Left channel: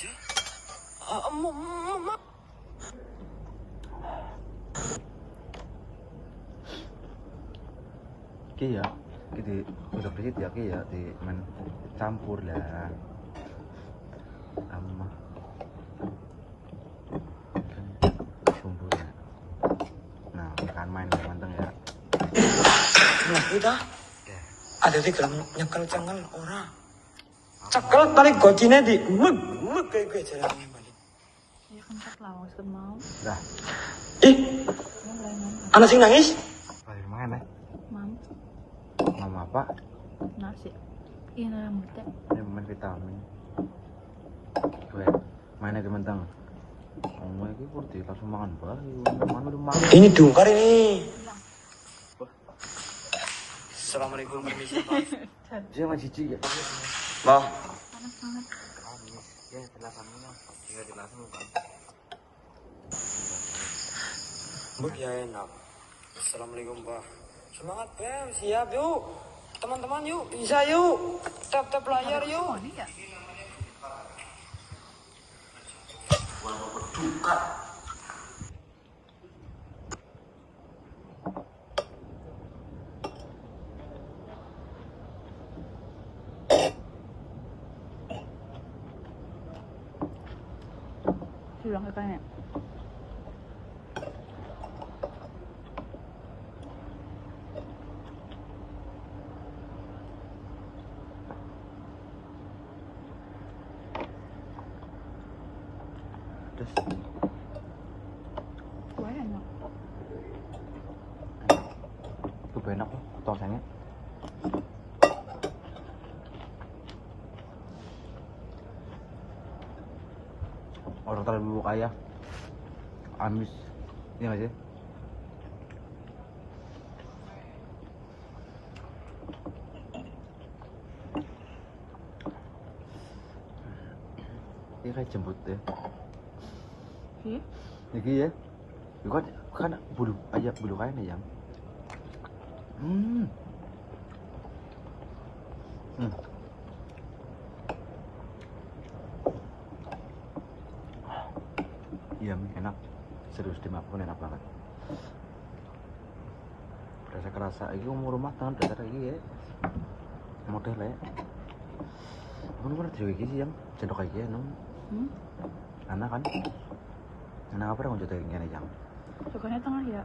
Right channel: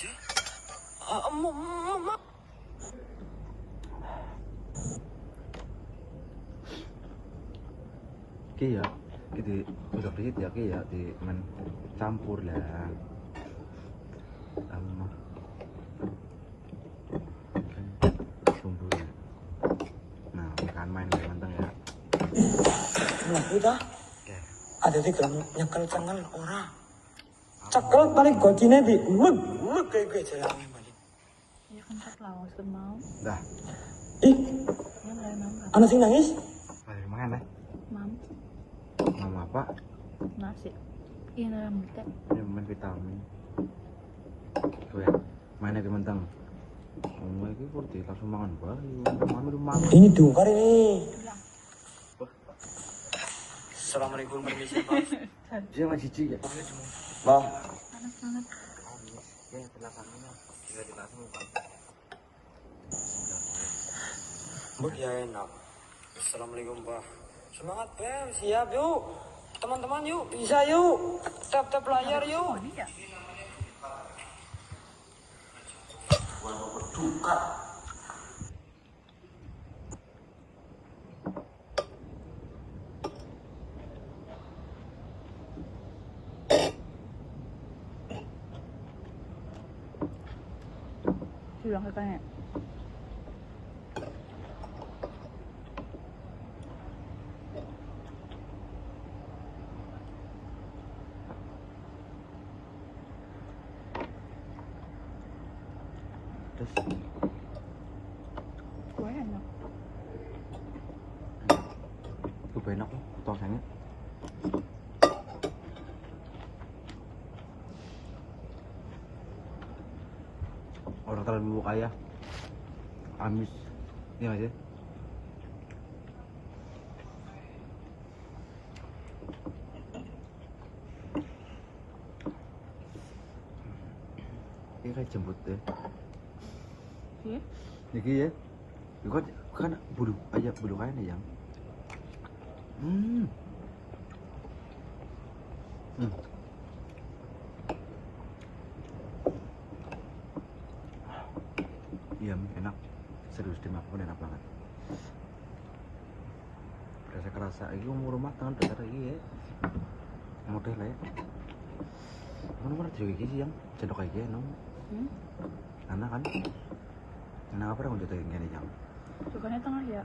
aja. Mama. Oke ya, gitu besok dikit ya, oke ya, di campur lah sama bumbunya. Nah, ikan main ya manteng ya. Nah, kita ada di dalam nyekel cengkel ora. Cekel tarik gocine di mek kayak jalan balik. Ya kencet lah, maksud mau. Nah, Ih, Ya mulai mam. anak sing nangis. balik mana? Mam, Mama apa? nasi. Ini rambutnya. Ini main vitamin. Gue mana ke menteng? Kamu lagi kurdi langsung makan bayi. Mana udah makan? Ini diungkar ini. Assalamualaikum permisi Pak. Dia masih cilik. Bah, Panas banget. ya enak. Assalamualaikum Pak. Semangat ya, siap yuk. Teman-teman yuk, bisa yuk. Tap-tap layar yuk. Berduka. Bilang ke kayaknya. Terus Gue enak. itu enak loh, tosangnya. Orang terlalu kaya, amis, ini aja. Ini kayak jembut deh. Iya? Jadi ya, itu kan bulu ayam, bulu kain ayam. Iya, enak. Serius dimakan enak banget. Kerasa ini umur rumah tahun dasar lagi ya. Model lah ya. Aku pernah juga gini yang cendok kayak gini, nong. Anak kan? Anak apa yang untuk kayak gini yang? Sukanya tengah ya.